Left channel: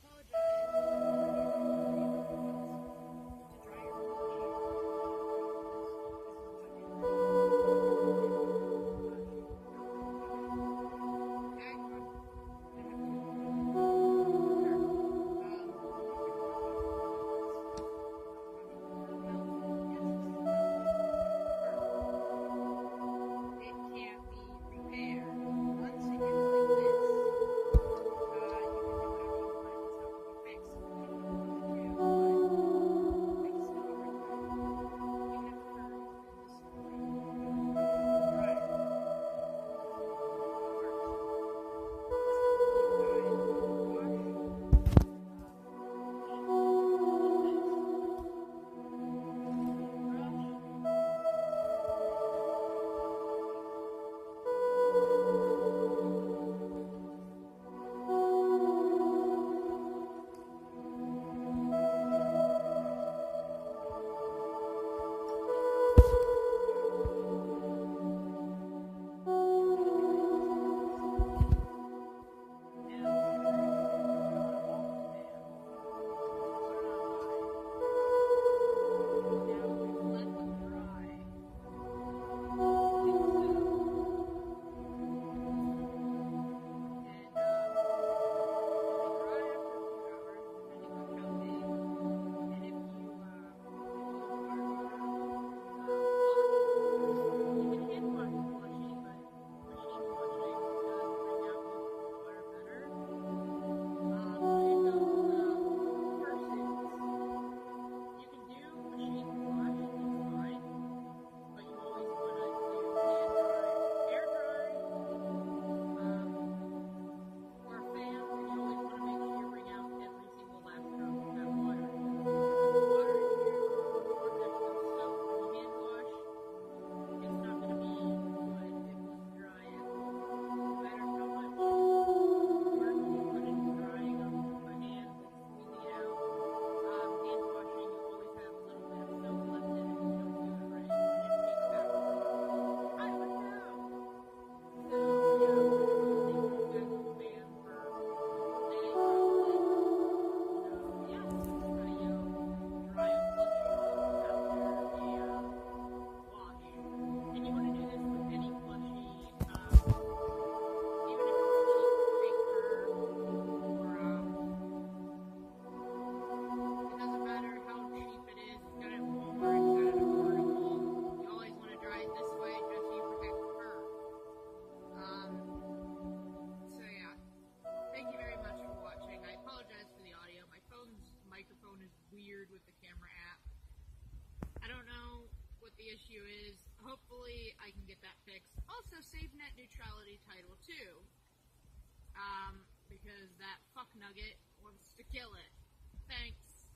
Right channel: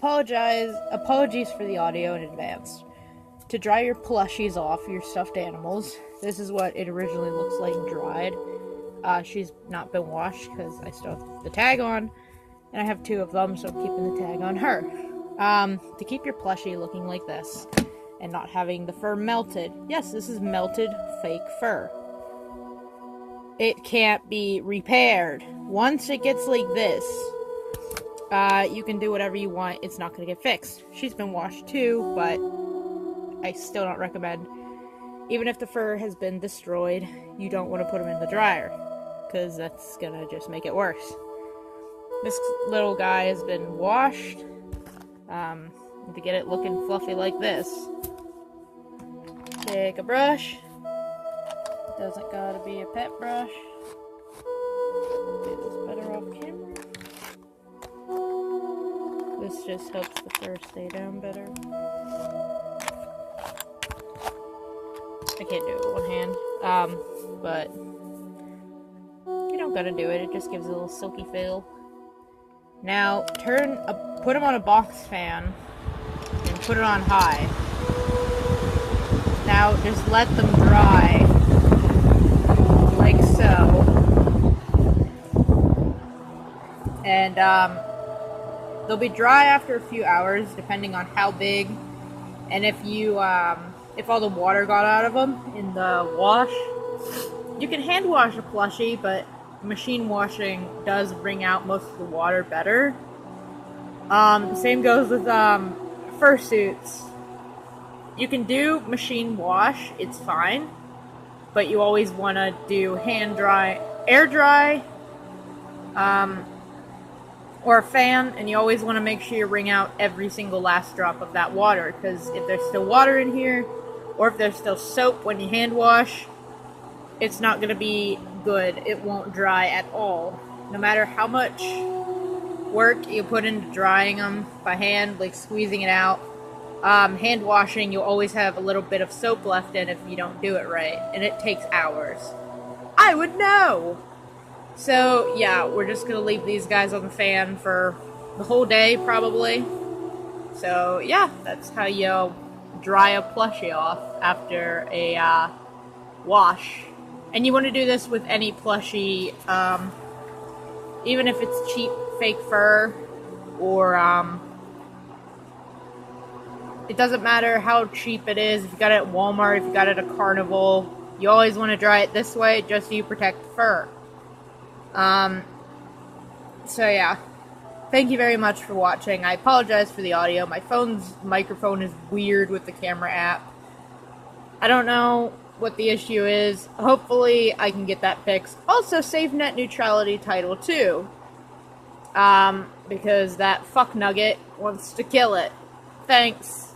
Apologies for the audio in advance. To dry your plushies off, your stuffed animals, this is what it originally looks like dried. She's not been washed because I still have the tag on, and I have 2 of them, so I'm keeping the tag on her. To keep your plushie looking like this, and not having the fur melted. Yes, this is melted fake fur. It can't be repaired. Once it gets like this, you can do whatever you want. It's not going to get fixed. She's been washed too, but I still don't recommend. Even if the fur has been destroyed, you don't want to put them in the dryer, because that's going to just make it worse. This little guy has been washed to get it looking fluffy like this. Take a brush. Doesn't gotta be a pet brush. Get this better off camera. This just helps the fur stay down better. I can't do it with one hand, but you don't gotta do it. It just gives it a little silky feel. Now put them on a box fan and put it on high. Now just let them dry, like so, and they'll be dry after a few hours, depending on how big, and if all the water got out of them in the wash. You can hand wash a plushie, but machine washing does bring out most of the water better. Same goes with fursuits. You can do machine wash, it's fine, but you always want to do hand dry, air dry, or a fan, and you always want to make sure you wring out every single last drop of that water, because if there's still water in here, or if there's still soap when you hand wash, it's not going to be good. It won't dry at all. No matter how much work you put into drying them by hand, like squeezing it out, hand washing, you'll always have a little bit of soap left in if you don't do it right, and it takes hours. I would know! So, yeah, we're just gonna leave these guys on the fan for the whole day, probably. So, yeah, that's how you dry a plushie off after a wash. And you want to do this with any plushie, even if it's cheap fake fur, or it doesn't matter how cheap it is. If you got it at Walmart, if you got it at Carnival, you always want to dry it this way just so you protect the fur. So yeah, thank you very much for watching. I apologize for the audio. My phone's microphone is weird with the camera app. I don't know what the issue is. Hopefully I can get that fixed. Also, save net neutrality title too, because that fuck nugget wants to kill it. Thanks.